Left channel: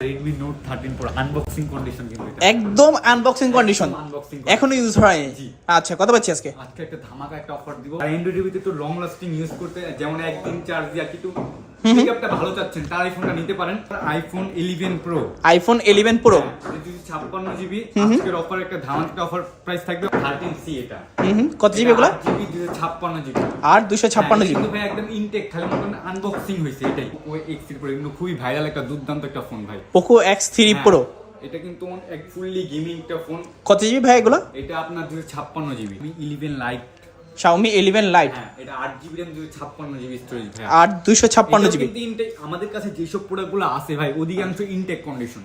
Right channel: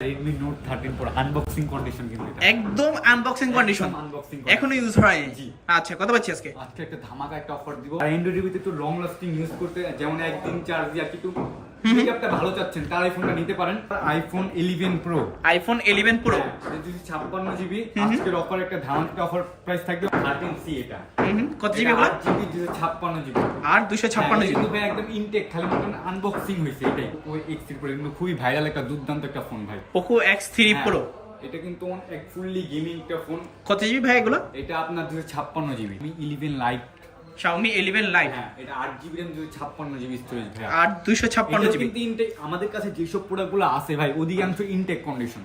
Redmi note thirteen pro unboxing condition কিন্তু একদম unboxing condition এখনও ইউজ হয়। জি। আচ্ছা কত পাচ্ছি আজকে? আজকে একটা ধামাকা একটা অফার দিব। অ্যান্ড্রয়েড টিভিতে একটু লং লাস্টিং ইউজ করতে যেমন একদিন চার্জ দিয়ে আর কি একটু পিকআপটা ভালো চাচ্ছেন তার আইফোনটা নিতে পারেন। IPhone eleven pro iPhone eleven pro যদি ছাপ্পান্ন জিবি আজকের অফার একটা ধামাকা অফার প্রাইস থাকবে থার্টিন সি এটা। কত জিবি এগুলো? জিবি দুশো ছাপ্পান্ন জিবি আর দুশো ছাপ্পান্ন হ্যাঁ, জিবি কিন্তু ভাই একদম ইনটেক খালি মতন আনবক্সিং হয়েছে এটাই। ওই পরে কিন্তু খুবই ভাইরাল একটা দুর্দান্ত একটা ফোন ভাই। পোকো এক্স থ্রি প্রো এটা কিন্তু এক ফুললি গেমিং একটা ফোন কত জিবি ভাই এগুলো? এটা আপনার দুশো ছাপ্পান্ন GB eleven lite Xiaomi eleven lite হ্যাঁ এটা আট জিবি র্যাম দুশো ছাপ্পান্ন জিবি স্টোরেজ ভাই আর দুশো ছাপ্পান্ন এটাও জিবি কিন্তু ইনটেক আমাদের কাছে যেসব সব প্রোডাক্টগুলো আছে ভাই অধিকাংশ ইনটেক কন্ডিশন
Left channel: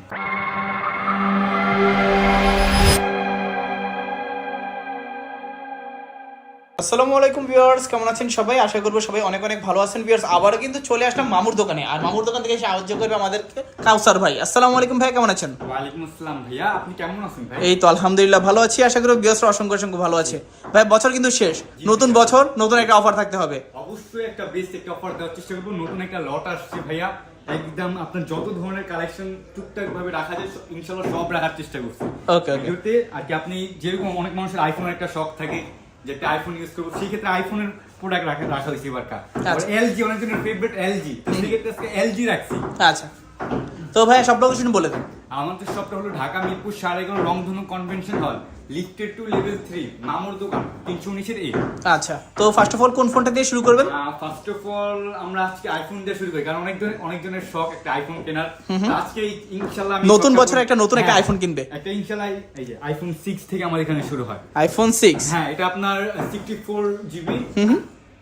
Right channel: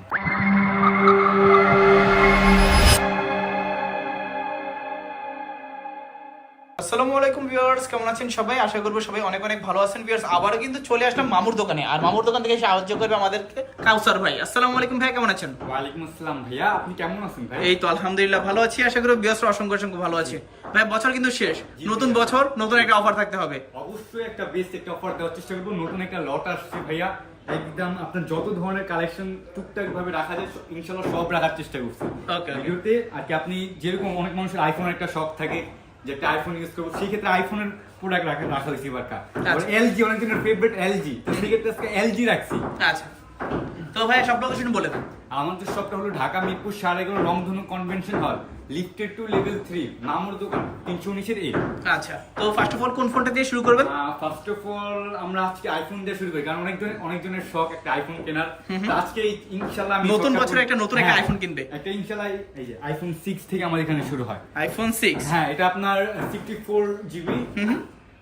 আসসালামু আলাইকুম ভিউয়ার্স কেমন আছেন সবাই? আশা করব সবাই অনেক অনেক ভালো আছেন ভিউয়ার্স। আবারও কিন্তু চলে আসলাম মামুর দোকানে। আর মামুর দোকান থেকে সাহায্য করবে আমাদেরকে কাউসার ভাই। আসসালামু আলাইকুম ভাই কেমন আছেন? ওয়ালাইকুম আসসালাম ভাইয়া আপনি কেমন আছেন ভাই? এই তো আলহামদুলিল্লাহ ভালো আছি। আশা করি ভিউয়ার্সরা অসংখ্য অসংখ্য ভালো আছে। ভাই বছর কিন্তু শেষ। নতুন বছর নতুন একটা অফার থাকতে হবে। অবশ্যই একটা বেস্ট একটা অফার দেওয়ার চেষ্টা করব। নতুন একটা লট আসছে ভাইয়া। একদম আপনার যত ধরনের কালেকশন টুকটাক ভাবে রাখা যায় ইনশাল্লাহ সব রাখার চেষ্টা করছি. ভিডিওতে আর কি আপনি যেরকম অনেক মানুষের আইফোন একটা শখ থাকে যে একটা আইফোন ইউজ করব সেই ক্ষেত্রে আইফোনের প্রোডাক্ট রাখা রাখা হয়েছে এবার আচ্ছা। এলজি অনেকজনের ফেভারিট এলজি তো সেই ক্ষেত্রে আজকে এলজি রাখছি। আচ্ছা। তো ভাই সব লোকেশন বলে দেন। আমাদের শপটা হলো ঢাকা মিরপুর সাড়ে এগারো রংধনু convention hall lifted two level three মামুর দোকান তিনশো এর এ আচ্ছা তো ফার্স্ট অফ অল কোন ফোনটা দিয়ে শুরু করবেন? ফার্স্ট অফ অল আমরা আজকে আইফোন দিয়ে শুরু করি কারণ অনেক জনের শখ একটা আইফোন কেনার। আজকে এই ইনশাল্লাহ আমি নতুন বছরে একটা নতুন একটা আইফোন iPhone কিনবে। একটা ইনশাল্লাহ এই- যে আইফোন সিক্স থেকে আমাদের এখানে শুরু হয়। আইফোন সিক্স হ্যাঁ এটা আপনার সিক্সটি ফোর জিবি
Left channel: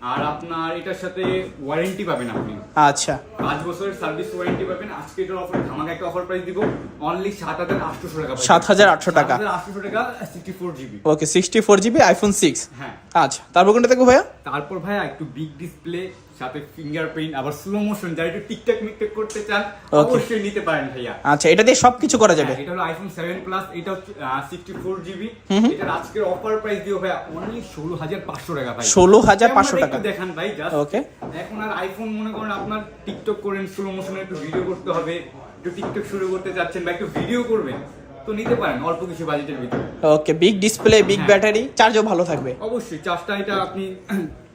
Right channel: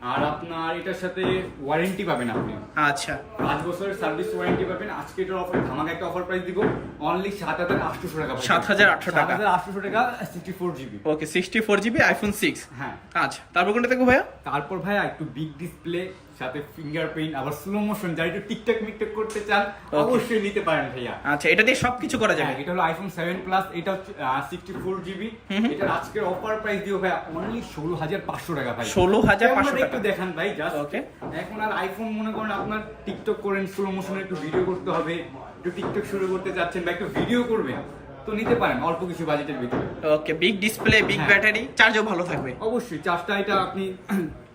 আর আপনার এটার সাথে ওয়ারেন্টি পাবেন আপনি। আচ্ছা। পাঁচ বছরের সার্ভিস ওয়ারেন্টি পাবেন। আজকে এটার অফার ধামাকা একটা অফার প্রাইস দিব। অনলি সাত হাজার আটশোশো টাকা 7,800 টাকা। সাত হাজার আটশোশো টাকা sixty four GB okay sixty four GB iPhone six হ্যাঁ। আচ্ছা তারপর কোনটা দেখো ভাইয়া? তারপর ভাইয়া একটু বিগ ডিসপ্লে সাথে ফিঙ্গারপ্রিন্ট আবার স্লো মোশন যারা একটু টিকটক মিকটক করতে চান অবশ্যই নিতে পারেন ভাইয়া। আচ্ছা এটা দিয়ে সবকিছু করা যাবে? হ্যাঁ, এটা হলো আইফোন সেভেন প্লাস এটা হচ্ছে সিক্সটি ফোর জিবি এটার আজকের অফার প্রাইস দিও ভাইয়া অনলি ষোলো হাজার পাঁচশো টাকা ভাই। 16,500 ক্যামেরাটা টাকা। একটু দেখান ভাই জাস্ট Okay. এখন আর আইফোন মনে করেন আপনার টিকটক করেন স্লো মোশনে একটু ভিডিও করতে হবে একটু টিকটক শুরু করতে চাচ্ছেন বা একটু ভিডিও করবেন তো নিতে পারেন অল্প কিছু বাজেটের ভিতরে। Okay big display big. Battery চার্জও ভালো থাকবে। অবশ্যই চার্জটা এটা আপনি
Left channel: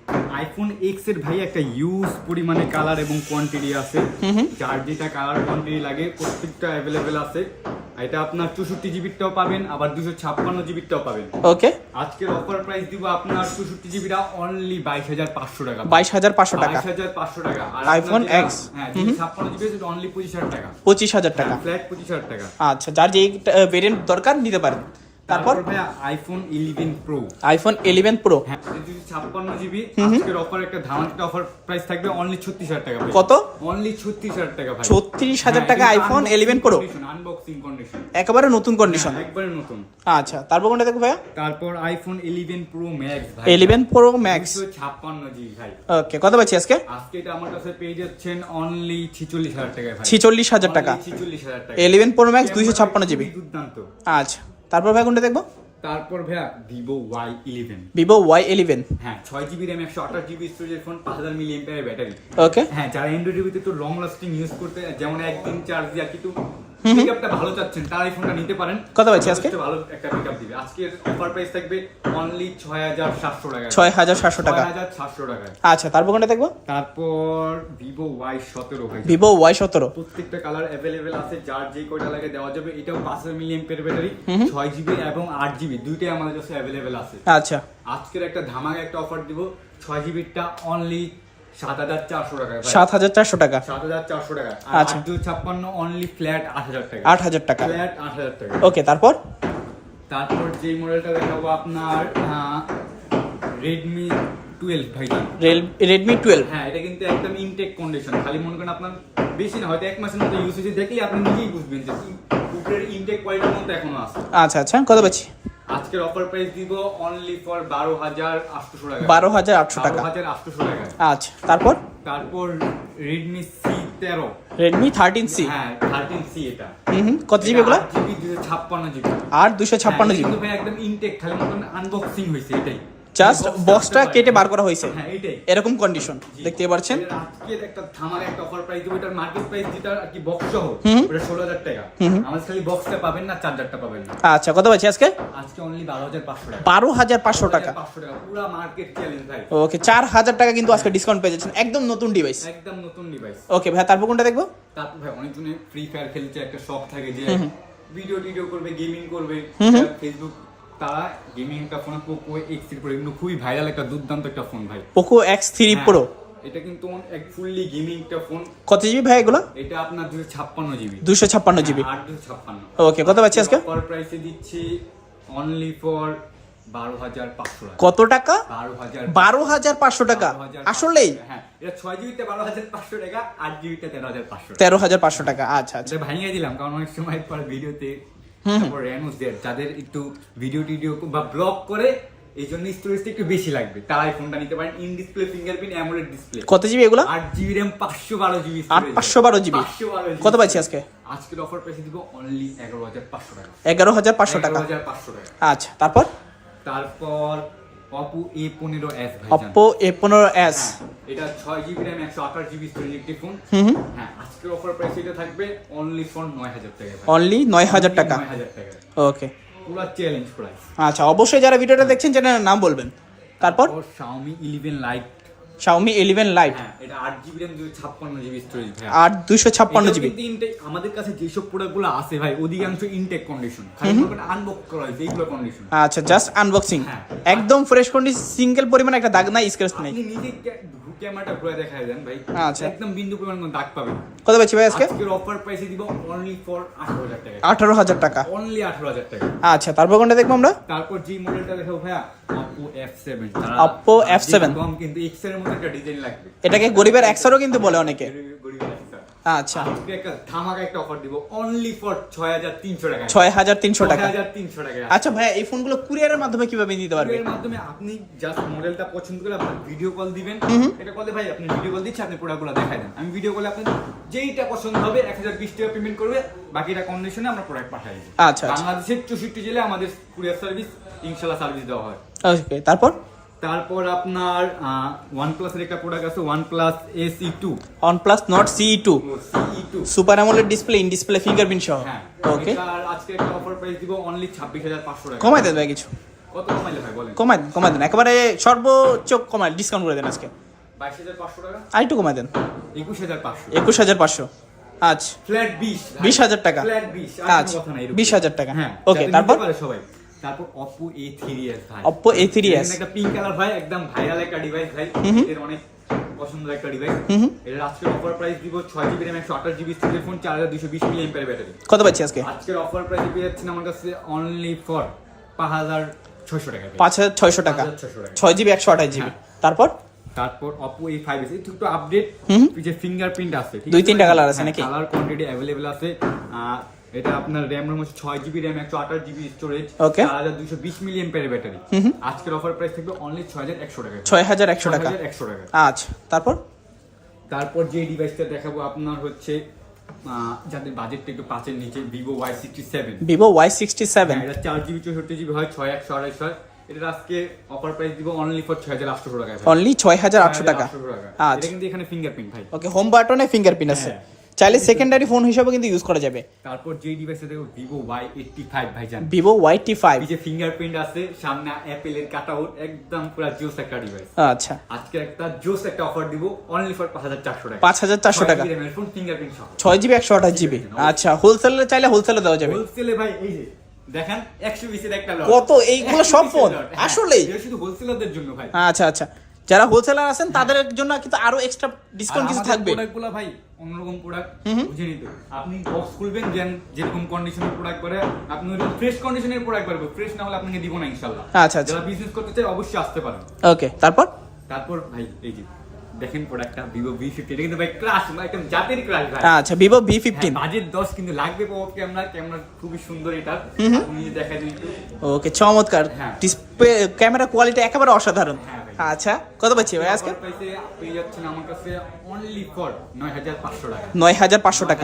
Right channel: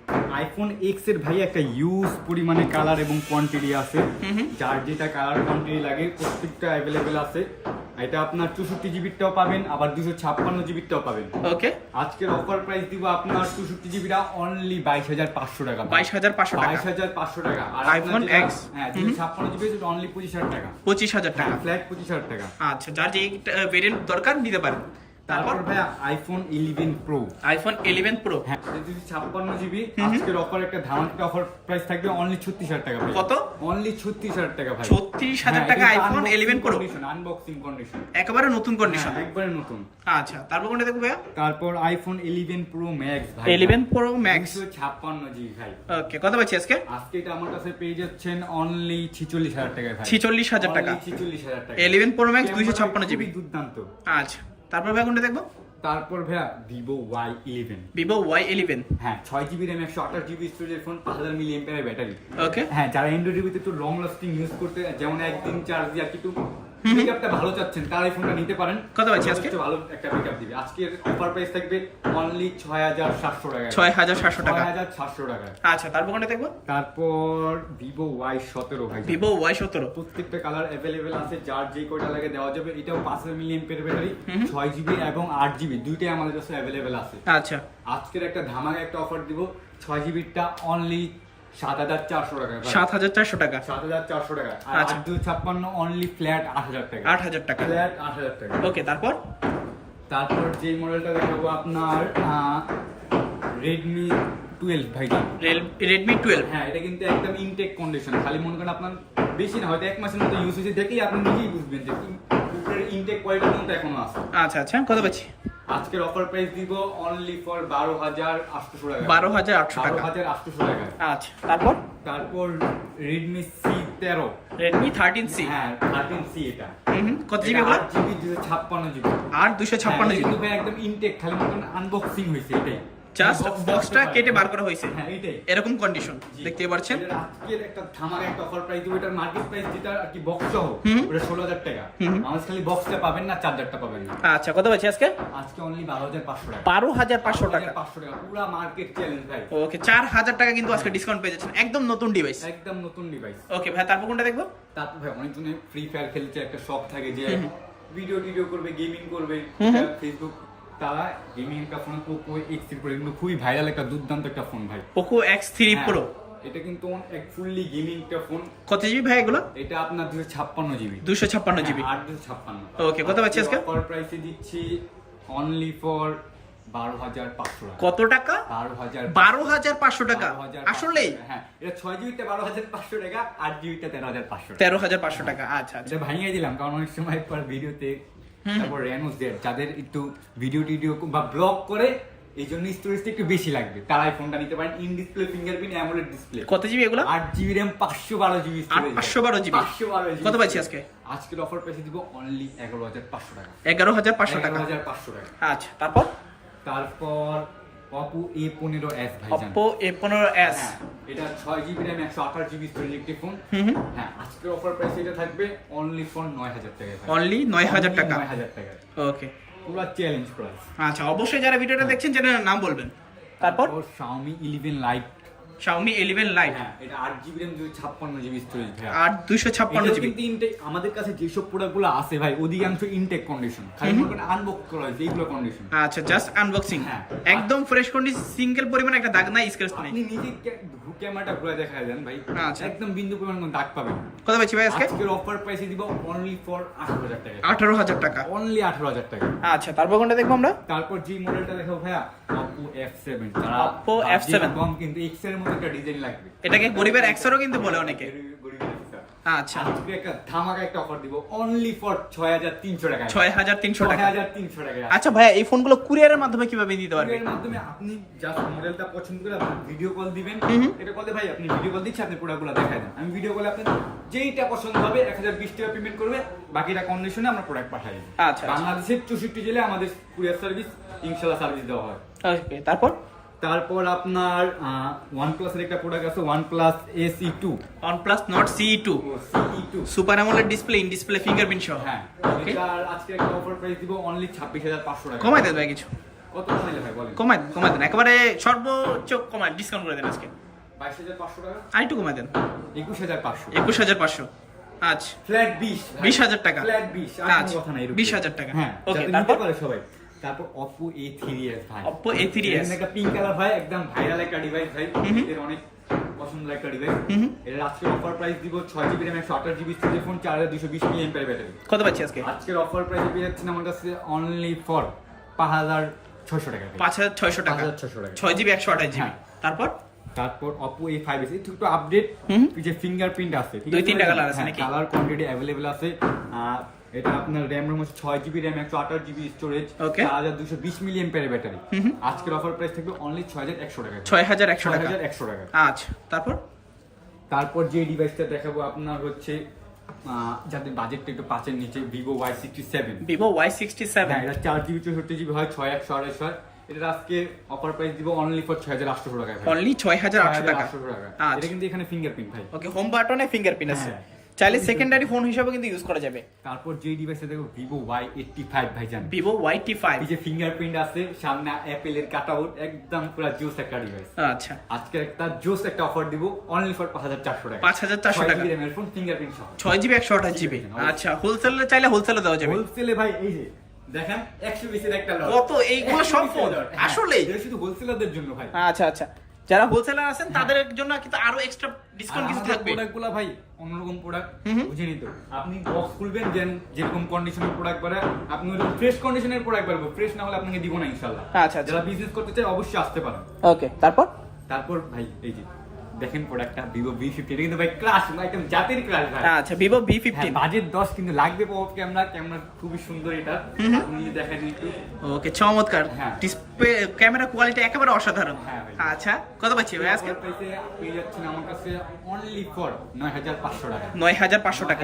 আইফোন এক্সের ভাই একটা ইউজ পরিমাণে কালার এবং কোয়ান্টিটি আছে। যার যেটা কালার কোয়ান্টিটি লাগে প্রত্যেকটা অ্যাভেলেবেল আছে। এটা আপনার চৌষট্টি জিবিরটাও পাবেন আবার দুশো ছাপ্পান্ন জিবিরটাও পাবেন। ওকে আজকের অফার প্রাইস দিব আপনার চৌষট্টি জিবিটা অনলি বাইশ হাজার পাঁচশো টাকা। বাইশ হাজার পাঁচশো টাকা। বাইশ হাজার পাঁচশো টাকা। আর যেটা- X হ্যাঁ দুশো ছাপ্পান্ন জিবি অনলি পঁচিশ হাজার টাকা। পঁচিশ হাজার টাকা। ফ্ল্যাট পঁচিশ হাজার টাকা। আচ্ছা যার যে ভেরিয়েন্ট দরকার নিতে পারেন তারপর ভাই iPhone eleven pro iPhone eleven pro হ্যাঁ। যদি ছাপ্পান্ন জিবি আজকের অফার একটা ধামাকা অফার প্রাইস থাকবে অনলি ছত্রিশ হাজার টাকা কত? অনলি ছত্রিশ হাজার টাকা ভাই 36,000 টাকা iPhone 11 Pro? আনবক্সিং কন্ডিশন একেবারে নতুন কন্ডিশন একবারে নতুন। আচ্ছা তারপর কোনটা দেখব ভাইয়া? তারপর আইফোন ইলেভেন প্রো ম্যাক্স ভাই ইলেভেন প্রো ম্যাক্স ছাপ্পান্ন জিবি ভাই। ওকে কত পাচ্ছি আজকে? আজকে এটা আমার কাছে পেয়ে যাচ্ছেন অনলি ছিচল্লিশ হাজার টাকায় ভাই। ছিচল্লিশ হাজার টাকা। ছিচল্লিশ হাজার টাকা ইলেভেন প্রো ম্যাক্স দুইশো ক্যামেরা ছাপ্পান্ন খুবই জিবি দুর্দান্ত। আচ্ছা। তারপর ভাই কোনটা দেখব? তারপর ভাইয়া Vivo Y eleven Vivo Y eleven হ্যাঁ ছয় জিবি র্যাম একশো আঠাশ জিবি স্টোরেজের ফোন পাঁচ হাজার মিলি এমপিআর ব্যাটারি ওকে হ্যাঁ যারা অ্যান্ড্রয়েড টিভিতে একটু লং লাস্টিং ইউজ করতে যেমন একদিন চার্জ দিয়ে আর কি একটু পিকআপটা ভালো চাচ্ছেন তারা এই ফোনটা নিতে পারেন। কত পাচ্ছি আজকে? ভালো একটা পিকআপ দিবে। আজকে অফার প্রাইস থাকবে অনলি ছয় হাজার সাতশো টাকা ছয় হাজার সাতশো টাকা। ছয় হাজার সাতশো টাকা আচ্ছা তারপর কোনটা দেখব? তারপর ওয়াই সতেরো ভাই ভিভো ওয়াই সতেরো। প্রত্যেকটা কালার অ্যাভেলেবেল আছে যার যে কয়টা লাগে দেওয়া যাবে। এটাও পাঁচ হাজার মিলি এম্পিয়ার ব্যাটারি ছয় জিবি এবং আট জিবি দুইটাই আমাদের কাছে অ্যাভেলেবেল আছে। আচ্ছা। আজকের একটা ধামাকা একটা অফার দিব ছয় জিবিটা অনলি সাত হাজার চারশো টাকা সাত হাজার চারশো টাকা। সাত হাজার চারশো টাকা। আচ্ছা। দুই ছাপ্পান্ন অনলি ফ্ল্যাট আট হাজার টাকা। আট হাজার টাকা। ফ্ল্যাট আট হাজার টাকা। ওকে তারপর? তারপর যে মডেলটা দেখাবো আপনার রেডমি টুয়েলভ ভাইজান রেডমি টুয়েলভ হ্যাঁ এটা কিন্তু একদম ইনটেক কন্ডিশন খালি মনে করেন আপনার বেশি না হয়তো এক মাসের মতো ইউজ হয়েছে দেখলেই আপনি নিজেই বুঝবেন যে উপরের ইনটেক কোয়ালিটির মতো এখনও আছে। আচ্ছা আচ্ছা কত পাচ্ছি আজকের অফার প্রাইস দিব অনলি ফর বারো হাজার আটশো টাকা। বারো হাজার আটশো টাকা। হাজার আটশো টাকা। আচ্ছা তারপর? তারপর রেডমি সি তেরো। রেডমি থার্টিন সি হ্যাঁ থার্টিন সি এটা। কত জিবি বলা জিবি দুশো ছাপ্পান্ন জিবি আর দুশো ছাপ্পান্ন হ্যাঁ, জিবি কিন্তু ভাই একদম ইনটেক খালি মতন আনবক্সিং হয়েছে এটাই। জাস্ট বক্সটা কেটে বার করা হয়েছে। হ্যাঁ এরকম কন্ডিশন দেখতে পাচ্ছেন? একটা থামার একটা অফার প্রাইস দিব। এটার মার্কেট প্রাইস যেটা আর কি বক্স সহ ওটা ষোলো হাজার টাকা। আমার খালি বক্সটা পাবেন না চার্জারটা পাবেন না। আচ্ছা কত পাচ্ছি আজকে? আজকে অনলি বারো হাজার পাঁচশো টাকা। পুরা মার্কেট চ্যালেঞ্জ ভাই। ওকে চার হাজার টাকা কিন্তু আজকে ডিসকাউন্ট পেয়ে যাচ্ছেন। একদম নতুন ডিভাইস একদম নতুন ডিভাইস ওকে ভাই তারপর কোনটা দেখব? তারপর ভাই অনেকজনে ফ্রি ফায়ার খেলতে একটা শখ থাকে যে ভিডিও টিডিও করবে গেমিং করবে। ফেসবুক তারা গেমিং একটা phone Poco X three Pro এগুলো খুবই ভাইরাল একটা দুর্দান্ত একটা ফোন ভাই। পোকো এক্স থ্রি প্রো এটা কিন্তু এক ফুললি গেমিং একটা ফোন কত জিবি ভাই এগুলো? এটা আপনার দুশো ছাপ্পান্ন জিবি দুশো ছাপ্পান্ন জিবি আট দুশো ছাপ্পান্ন। ওকে কত পাচ্ছি আজকে অফার প্রাইসে দিচ্ছি অনলি ফর বারো হাজার পাঁচশো কত টাকা? বারো হাজার বারো হাজার পাঁচশো টাকা? 12,500 আসলে? হ্যাঁ এটা ছয় জিবিতে বারো হাজার পাঁচশো টাকা আট জিবিতে তেরো হাজার পাঁচশো তেরো হাজার পাঁচশো টাকা আচ্ছা আচ্ছা। এটা ভাঙিয়ে দিলাম কারণ অনেক সময় পর ভিডিওতে তারপর র্যানোস জেড যাদের একটু ভিডিও টিডিও বা ব্লগ করে এই জন্য স্টোরেজটা একটু বেশি লাগবে। তারাই ফোনটা নিতে পারেন। In display fingerprint AMOLED display কত জিবি এগুলো? আট জিবি র্যাম পাঁচশো বারো জিবি পাঁচশো বারো জিবি পাঁচশো বারো কত পাচ্ছি আজকে? আজকের অফার প্রাইসে দিব অনলি এগারো হাজার পাঁচশো টাকা। এগারো হাজার পাঁচশো টাকা। হাজার পাঁচশো টাকা। আচ্ছা তারপর? তারপর অপো এ পনেরো এস ভাই অপ্পো এ পনেরো এস এটা ছয় জিবি র্যাম একশো আঠাশ জিবি স্টোরেজ একটি ফোন হ্যাঁ আজকের অফার প্রাইস এটা থাকবে অনলি ফোন নয় হাজার টাকা অনলি নয় হাজার টাকা। নয় হাজার টাকা ওকে পুরো চ্যালেঞ্জ প্রাইস আচ্ছা অবশ্যই যারা ভিডিওটা দেখছেন চ্যানেলের নাম বলবেন। তারপর? Xiaomi eleven lite Xiaomi eleven lite হ্যাঁ এটা আট জিবি র্যাম দুই ছাপ্পান্ন জিবি স্টোরেজ ভাই আর দুশো ছাপ্পান্ন জিবি কিন্তু ইনটেক আমাদের কাছে যেসব প্রোডাক্টগুলো আছে ভাই অধিকাংশ ইনটেক কন্ডিশন খালি আনবক্স করা হয়েছে এইগুলো কন্ডিশন আচ্ছা জাস্ট আনবক্সিং হ্যাঁ। একদম ফ্রেশ কন্ডিশন সিঙ্গেল পরিমাণ একটা দাগ নাই স্ক্র্যাচ নেই। আপনি নিজে ক্যামেরাটা ঘুরে দেখা দেন ভাই। আচ্ছা। একদম বিন্দু পরিমাণ কোনো দাগ পাবেন কত পাচ্ছি ভাই আজকে? আজকের অফার প্রাইসে দিব অনলি ফর আঠারো হাজার টাকা। আঠারো হাজার টাকা। অনলি আঠারো হাজার টাকা। আচ্ছা তারপর কোনটা দেখব আমরা? তারপর যে মডেলটা দেখাবো ভাইয়া অপো F7 তারা Oppo F7 কম কিন্তু X এর মতো একটা ডিজাইন লাগবে। এটাকে গরিবের একশোরও কিন্তু বলে অনেকে। গরিবের। আচ্ছা। একটা ধামাকা একটা অফার দিব অনলি ফর ছয় হাজার তিনশো টাকা। ছয় হাজার তিনশো ছয় টাকা। হাজার তিনশো টাকা। আচ্ছা ভাইয়া এই ফোনগুলো কুরিয়ারের মাধ্যমে কীভাবে নিতে পারবে? এর মাধ্যমে আপনি জাস্ট মডেলটা পছন্দ করে আপনি ভিডিও কল দিবেন। এটা কলে ভাই আপনি ভিডিও কল দিচ্ছি আপনি প্রোডাক্টগুলো দেখাই দেন। আমি ভিডিও কলে আপনি যেইটা পছন্দ হবে টাকা পেমেন্ট করবে বাকিটা কন্ডিশনে আমরা প্রোডাক্ট পাঠাই আচ্ছা। বাংলাদেশের চৌষট্টি জেলে আমাদের কুরিয়ার সার্ভিস ইনশাল্লাহ সার্ভিস দেওয়া হয়। ওকে তারপর? তারপর আপনার ওয়ান প্লাসের একটা প্রোডাক্ট আছে OnePlus CE two OnePlus Nord CE2 CE two super AMOLED display in display fingerprint সহ। হ্যাঁ ওকে এটার আজকে একটা অফার প্রাইস দিব অনলি ছাব্বিশ হাজার পাঁচশো টাকা। কমাই দেন ভাই কিছু। কত কমাইলে ভাই বলেন। কমাই দেন কমাই দেন। একেবারে সর্বোচ্চ কমাই ডিসকাউন্ট করে দেন আজকে। বাইশ হাজার পাঁচশো টাকা? আরেকটু কমাই দেন। একুশ হাজার পাঁচশো। একুশ হাজার পাঁচশো। আচ্ছা। ফ্ল্যাট বিশ বিশ হাজার টাকা। ফ্ল্যাট বিশ আর আচ্ছা, কোনো কথা নাই বিশ হাজার টাকা। হ্যাঁ যাতে তারপর? সবাই। তারপর Oppo A3s ভাই। Oppo A3s এটা কিন্তু একটা পিঙ্ক কালার ভাই একদম ভাইরাল একটা ডিভাইস ভাই। এর অনেক পছন্দের একটা ডিভাইস এর আজকের অফার প্রাইস দিব ছয় জিবি র্যাম একশো আঠাশ জিবি স্টোরেজ ফোন চার হাজার দুশো বিশ মিলি এমপের ব্যাটারি কত পাচ্ছি আজকে? আজকের অফার প্রাইসে পেয়ে যাচ্ছেন আমার কাছে অনলি ফর পাঁচ হাজার ছয়শো টাকা পাঁচ হাজার ছয়শো টাকা। 5,600 টাকা। ছয় জিবি একশো আঠাশ জিবি হ্যাঁ। তারপর? তারপর Oppo A5s একটু একটু আপডেট যে ফিঙ্গারপ্রিন্ট আছে দুই তিনটা colour আছে কালার কোয়ান্টিটি অ্যাভেলেবেল আছে। এটা আপনার র্যাম রোম হচ্ছে ছয় জিবি র্যাম একশো আঠাশ জিবি স্টোরেজ. চার হাজার দুশো বিশ মিলি এম্পের ব্যাটারি আজকের অফার প্রাইস থাকবে অনলি ছয় হাজার একশো টাকা। ছয় হাজার একশো টাকা। একশো টাকা। আচ্ছা তারপর? তারপর যে ডিভাইসটা দেখাবো আপনার হচ্ছে যাদের বাজেটটা একটু পাঁচের নিচে Vivo Y sixty seven Vivo Y sixty seven এটা চার জিবি চৌষট্টি জিবি হয় ছয় একশো আড়াইশো হয়। এটা আজকে অফার প্রাইস দিব অনলি ফর ছয় হাজার আটশো টাকা অনলি ছয় হাজার আটশো 6,800 টাকা। আচ্ছা। এটা কিন্তু এখানে ফিঙ্গারপ্রিন্ট ভাই। ওকে হোম বাটনে ফিঙ্গারপ্রিন্ট আছে। চাইলে সেকেন্ডারি ফোন হিসাবে কিন্তু ইউজ করা যাবে। তারপর যে ডিভাইসে দেখো ভিভো ওয়াই এইটটি ফাইভ ভাইজান। ভিভো ওয়াই টি ফাইভ এই যে ফিঙ্গারপ্রিন্ট আছে সামনে অ্যাপেলের কাট আউট একদম পুরো জোস একটা ডিভাইস আচ্ছা। আজকে একটা জোস একটা অফার দিব অনলি ফর পাঁচ হাজার চারশো টাকা। 5,400 টাকা। ফোন ফিঙ্গারপ্রিন্ট সহ। ছয় জিবি একশো আঠাশ জিবি আচ্ছা হোলসেলে চাইলে হোলসেলে দেওয়া যাবে। হোলসেলে ভাই এই যে দেখেন একশো বিশের একটা লট কত? এইগুলো সব ফোন? আসলেই? শুধু হোলসেলারদের জন্য ভাই। আচ্ছা আচ্ছা। যারা হোলসেলার আছেন তাদের জন্য কিন্তু আরও এক্সট্রা ডিসকাউন্ট কিছু থাকবে। প্রোডাক্টগুলা ভাই অন্যরকম প্রোডাক্ট বুঝে তো আপনি বক্স খুলবেন দেন যেরকম কন্ডিশনের প্রোডাক্ট পারে আপনি ওইরকম ফ্রেশ কন্ডিশনের প্রোডাক্ট পারবে ফ্রেশ না হলে আপনাকে দিব না ইনশাআল্লাহ। আচ্ছা, আচ্ছা। যারা বিজনেস করতে চায় অবশ্যই আসতে পারেন। ওকে তারপর? তারপর ভাই এই যে দেখেন প্রোডাক্টটা ভিভো ভি কিন্তু ভাই ক্রাশ একদম জাতের ক্রাশ ভাই। আচ্ছা ভিভো ভি ফিফটিন বাজেট দশ কিন্তু লাগবে পপ ক্যামেরা ক্যামেরা খুবই সুন্দর এটা। আপনি নিজে দেখা যায় একটু। ওকে চমৎকার। ডিসপ্লে ক্যামেরা কোয়ালিটি একেবারে অসাধারণ। হ্যাঁ আচ্ছা কত পাচ্ছি ভাই আজকে? প্রাইসে পেয়ে যাচ্ছেন আমার কাছে অনলি ফর নয় হাজার পাঁচশো টাকা। নয় হাজার পাঁচশো টাকা।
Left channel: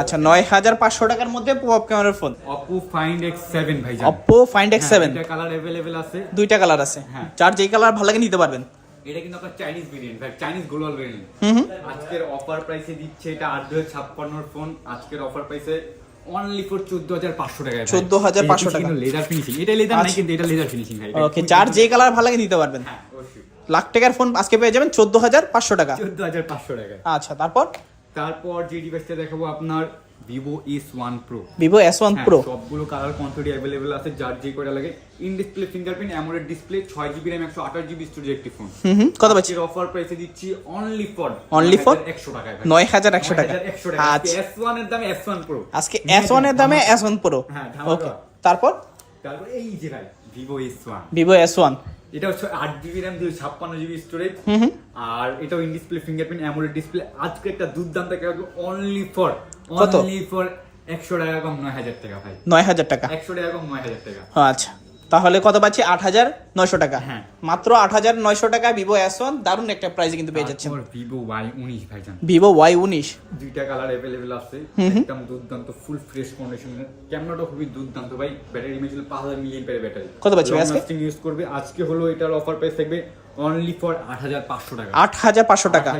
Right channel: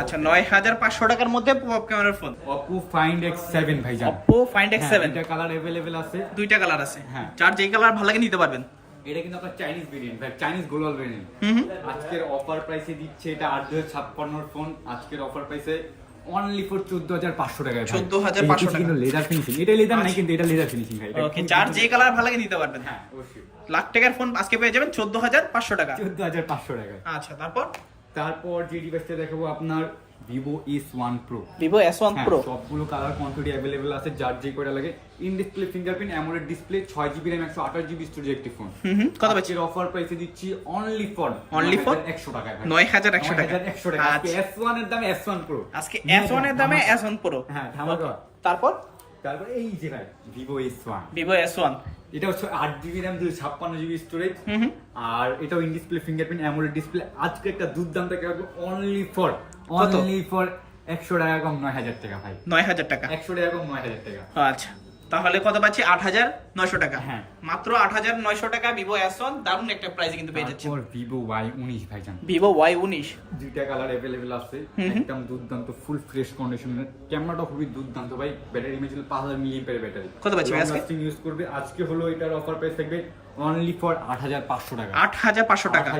আচ্ছা নয় হাজার পাঁচশো টাকার মধ্যে পপ ক্যামেরার phone Oppo Find X seven ভাইজান। অপো ফাইন্ড এক্স সেভেন এটা কালার অ্যাভেলেবেল আছে। দুইটা কালার আছে। হ্যাঁ। যার যেই কালার ভালো লাগে নিতে পারবেন। এটা কিন্তু আপনার চাইনিজ ভেরিয়েন্ট ভাই চাইনিজ গ্লোবাল ভেরিয়েন্ট আজকের অফার প্রাইসে দিচ্ছে এটা আট দুই ছাপ্পান্নর ফোন আজকের অফার প্রাইসে অনলি ফর চোদ্দ হাজার পাঁচশো টাকা 14,500 টাকা। লেদার ফিনিশিং এটা লেদার নাই আচ্ছা। কিন্তু এটা লেদার ফিনিশিং ভাই। ওকে যার সুন্দর। কালার ভালো লাগে নিতে পারবেন। হ্যাঁ অবশ্যই। লাখ টাকার ফোন আজকে পেয়ে যাবেন চোদ্দ হাজার পাঁচশো টাকা। চোদ্দ হাজার পাঁচশো টাকা। আচ্ছা তারপর? তারপর যে ডিভাইসটা দেখাবো আপনার Vivo S one Pro Vivo S one Pro সবগুলো কালার কোয়ান্টিটি অ্যাভেলেবেল আছে যার যে কটা লাগে। In display fingerprint AMOLED display ছয় জিবি র্যাম একশো আঠাশ জিবি স্টোরেজ একটি ফোন কত পাচ্ছি অফার প্রাইসে দিচ্ছি অনলি ফর Only for? একশো টাকায় নয় হাজার একশো টাকা একশো টাকা এস ওয়ানের দামে এস ওয়ান প্রো আজকে এস ওয়ানের দামে এস ওয়ান প্রো হ্যাঁ, তারপর? তারপর এই যে ভাই Vivo S one Vivo S one এটা হচ্ছে আট জিবি র্যাম দুই ছাপ্পান্ন জিবি স্টোরেজ আর এটাও in display fingerprint AMOLED display আজকে একটা দুর্দান্ত অনলি ফর কত? অনলি ফর একশো টাকা কম নয় হাজার টাকা ভাই। নয় হাজার টাকা? একশো টাকা কম নয় হাজার টাকা। আচ্ছা। তাহলে কত পাচ্ছি? আট হাজার নয়শো টাকা। হ্যাঁ। মাত্র আট হাজার নয়শো টাকা ভিভো এস ওয়ান দারুণ একটা প্রাইসে কিন্তু পেয়ে যাচ্ছে। ভিভো ওয়াই উনিশ ভাইজান। ভিভো ওয়াই উনিশ। দুইটা কালার অ্যাভেলেবেল আছে। একদম দুর্দান্ত ফুল ফ্রেশ কন্ডিশনের ক্যামেরাটা খুবই দুর্দান্ত ভাই। ব্যাটারি ইমেজ পাঁচ হাজার মিলিয়ন ব্যাটারি কত পাচ্ছি আজকে? ইউজ করবে। আজকে হলো এটার অফার প্রাইস থাকবে অনলি ফর আট হাজার পাঁচশো টাকা। আট হাজার পাঁচশো টাকা।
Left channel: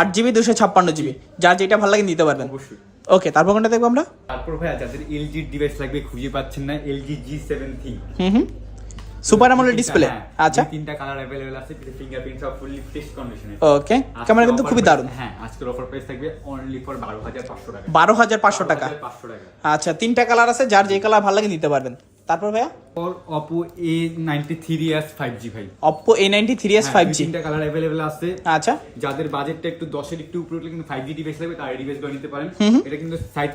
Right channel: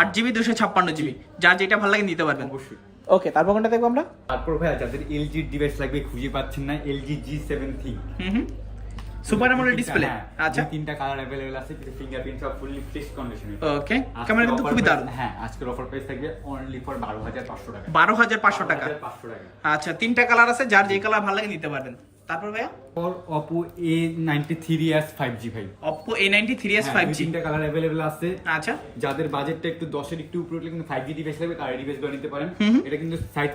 আট জিবি দুশো ছাপ্পান্ন জিবি যার যেটা ভালো লাগে নিতে পারবেন। অবশ্যই। ওকে তারপর কোনটা দেখব আমরা? তারপর ভাই যাদের এলজি ডিভাইস লাগবে খুঁজে পাচ্ছেন না এলজি জি সেভেন থ্রি হুম হুম। সুপার আমোলেড ডিসপ্লে আচ্ছা তিনটা কালার अवेलेबल আছে ফিঙ্গারপ্রিন্ট সব ফুললি ফ্রেশ কন্ডিশনে ওকে ক্যামেরা কিন্তু খুবই দারুণ। হ্যাঁ আজকের অফার প্রাইস থাকবে অনলি ফর বারো হাজার পাঁচশো টাকা। বারো হাজার পাঁচশো টাকা। 12500 টাকা। আচ্ছা তিনটা কালার আছে যার যে কালার ভালো লাগে নিতে পারবেন। তারপর ভাইয়া? নাইনটি ফাইভ জি ভাই। থ্রি এস ফাইভ জি তিনটা কালার অ্যাভেলেবেল আছে। আচ্ছা। যাদের বাজেটটা একটু দশের একটু উপরে কিন্তু ফাইভ জি ডিভাইস লাগবে তার নিতে পারেন। এটা কিন্তু সাইড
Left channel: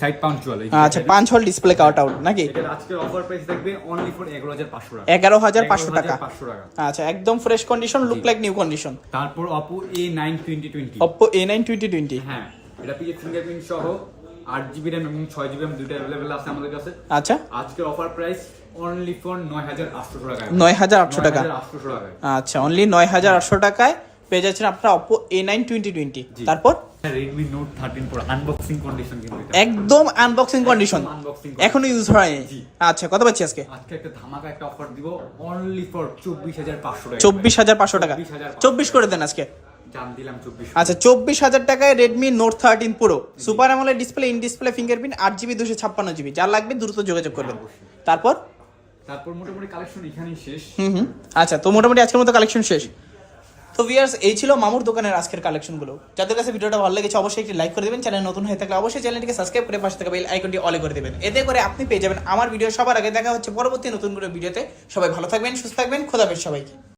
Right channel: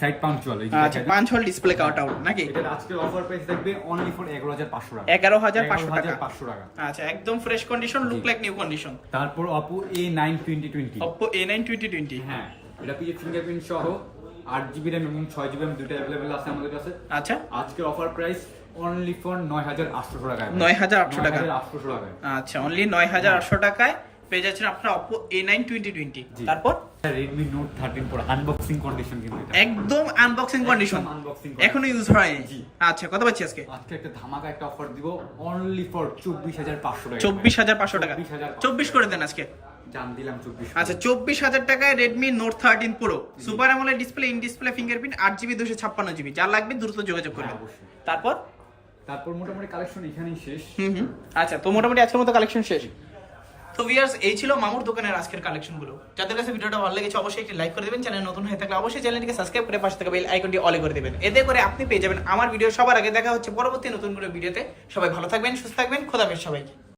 সাইড পাঞ্চুয়াল আচ্ছা পাঁচ হল ডিসপ্লে কাউট আউট নাকি? এটার আজকের অফার প্রাইস থাকবে অনলি ফর এগারো হাজার পাঁচশো টাকা। এগারো হাজার পাঁচশো টাকা। পাঁচশো টাকা। আচ্ছা একদম fresh condition look like new condition তারপর Oppo A nine twenty twenty Oppo A nine twenty twenty হ্যাঁ এটা পিছে ফিঙ্গারপ্রিন্ট সহ আট জিবি র্যাম এবং ছয় জিবি র্যাম দুটো অ্যাভেলেবেল আছে আমাদের কাছে। আচ্ছা। আজকের অফার প্রাইস অনলি ফর নয় হাজার আটশো টাকা নয় হাজার আটশো টাকা আটশো টাকায়। আচ্ছা অনলি নয় হাজার আটশো টাকায় পেয়ে যাচ্ছেন আপনার Oppo A nine twenty twenty তারপর? Redmi Note thirteen Pro unboxing condition কিন্তু একদম আনবক্সিং কন্ডিশন এখনও ইউজ হয়নি। আচ্ছা কত পাচ্ছি আজকে? আজকে একটা ধামাকা একটা অফার দিব অনলি ফর চব্বিশ হাজার পাঁচশো টাকা চব্বিশ হাজার পাঁচশো টাকা। চব্বিশ করে দেন আজকে। আচ্ছা চব্বিশ হাজার টাকায় Redmi Note thirteen Pro super AMOLED display in display fingerprint আট জিবি দুশো ছাপ্পান্ন জিবি যার লাগবে দ্রুত যোগাযোগ করবেন হ্যাঁ, তারপর? তারপর মোটামুটি কালেকশন এখানেই শেষ। হুম আচ্ছা তো মোটামুটি আজকের মতো কালেকশন শেষ। তো ভিয়ার্স এই ছিল মামুর দোকানের আজকের কালেকশনগুলো যাদের কাছে ভিডিওটা ভালো লেগেছে অবশ্যই একটি লাইক করে দেবেন। চ্যানেল নতুন হয়ে থাকলে অবশ্যই চ্যানেলটিকে সাবস্ক্রাইব করে পাশে থাকা বেল আইকনটি অলে করে দেবেন। এতে করে আপনি পেয়ে যাবেন আমার ভিডিও সবার আগে। দেখা হচ্ছে পরবর্তী নতুন করে ভিডিওতে সবাই ভালো থাকবেন সুস্থ থাকবেন। খোদাফেজ সবাইকে।